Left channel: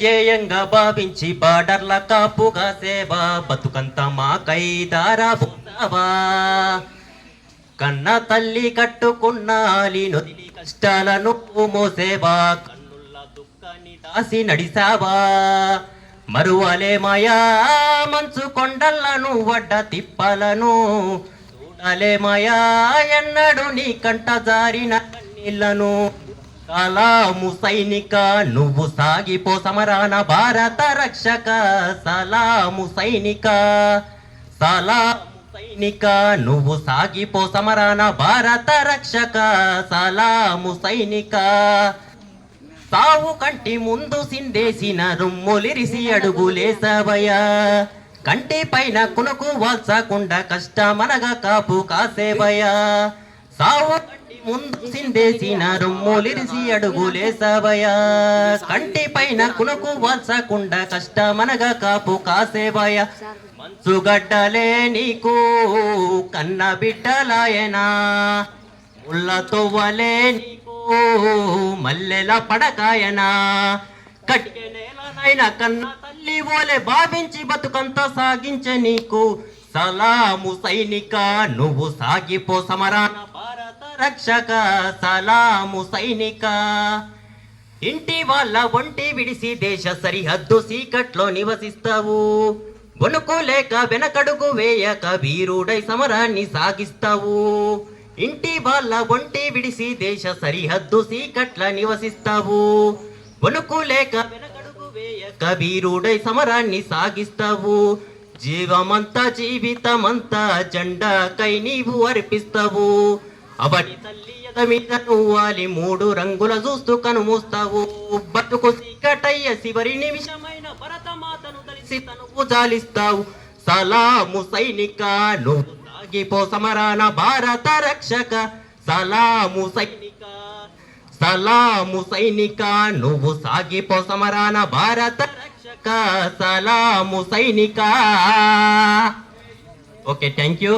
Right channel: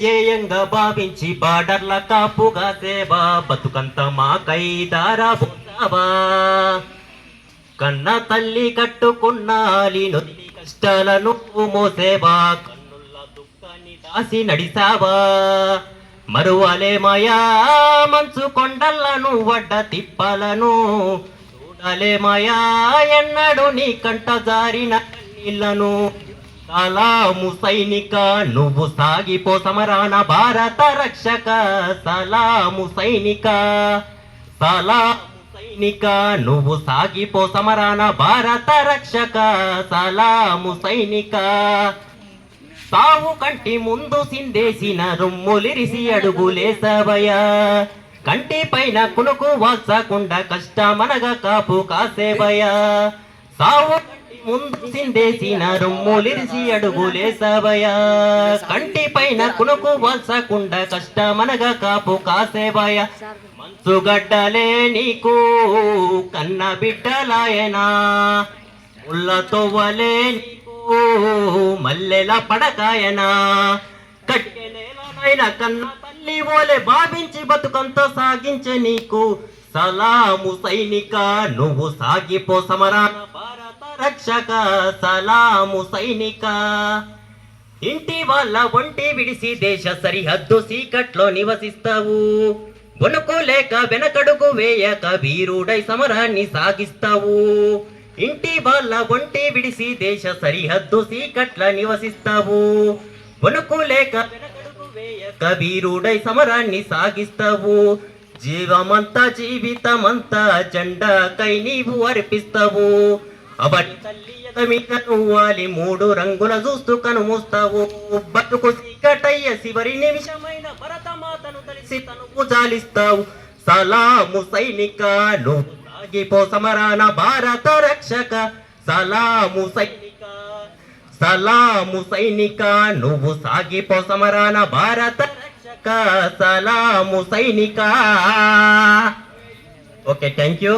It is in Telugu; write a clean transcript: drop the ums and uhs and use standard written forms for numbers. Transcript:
జేయంగా భావించి బార్డర్ల కాపుగా సేవా బతుకంత మాకై దారాబోతావా కన్న తల్లి కట్టుకున్నాలి నొదిలి కష్టాలను మోసేవా కన్నుల్ల దుఃఖాన్ని దాసి నడిసావా మరువలే మాయా మంచు కొండలను వడ్డ తిప్పలను చూడలే మాయా ఎన్నడు నీ కంట జారిన కన్నీళ్లను సలాము సైనిక నువ్వు సాగిపో సమరాన భారత రక్షక సలాము సైనిక సలాము సైనిక నువ్వు సాగిపో సమరాన భారత రక్షక సలాము సైనిక సావు కంటి ముందు సిందేసిన రొమ్ములిరిసి అడుగులేసవయ్యా కంటి పైన కునుకు వాల్చకుండా కష్టమనగా కాపు కాసేవయ్యా సావు కంటి ముందు సిందేసిన రొమ్ములిరిసి అడుగులేసవయ్యా కంటి పైన కునుకు వాల్చకుండా కష్టమనగా కాపు కాసేవయ్యా మంచుగడ్డలే నీకు కన్న బిడ్డలాయనా ముళ్ళతో వలే మల్లెల పడకాయనా కట్టిన నేలనైనా కన్న తల్లి ఓలే భావించి బతుకంతా సాగించే నీకు సలాము సైనిక నువ్వు సాగిపో సమరాన భారత రక్షక సలాము సైనిక ఇంటి వాళ్ళ ఒంటి విడిసి దేశ సరిహద్దు సీకట్లో నివసిస్తావు వణుకు లేక వెనకడుగు వేయక వీరుడై సమరాన్ని సాగిస్తావు ఇంటి వాళ్ళ ఒంటి విడిసి దేశ సరిహద్దు సీకట్ల నివసిస్తావు వణుకు లేక వెనకడుగు వేయక వీరుడై సమరాన్ని సాగిస్తావు జీవమంతా జీవితమంతా జెండాకై నీవు అర్పిస్తావు అబడి తల్లి ఎద మీద నువ్వాలి మూడు రంగుల చూస్తూ కనుమూస్తావు బతుకు సీకటయ్య చివరి నిమిషమైన భరతమాతను తెలిసి తనువు జాలిస్తావు సలాము సైనిక నువ్వు సాగిపో సమరాన భారత రక్షక సలాము సైనిక సలాము సైనిక నువ్వు సాగిపో సమరాన భారత రక్షక సలాము సైనిక ఓకే థ్యాంక్ యూ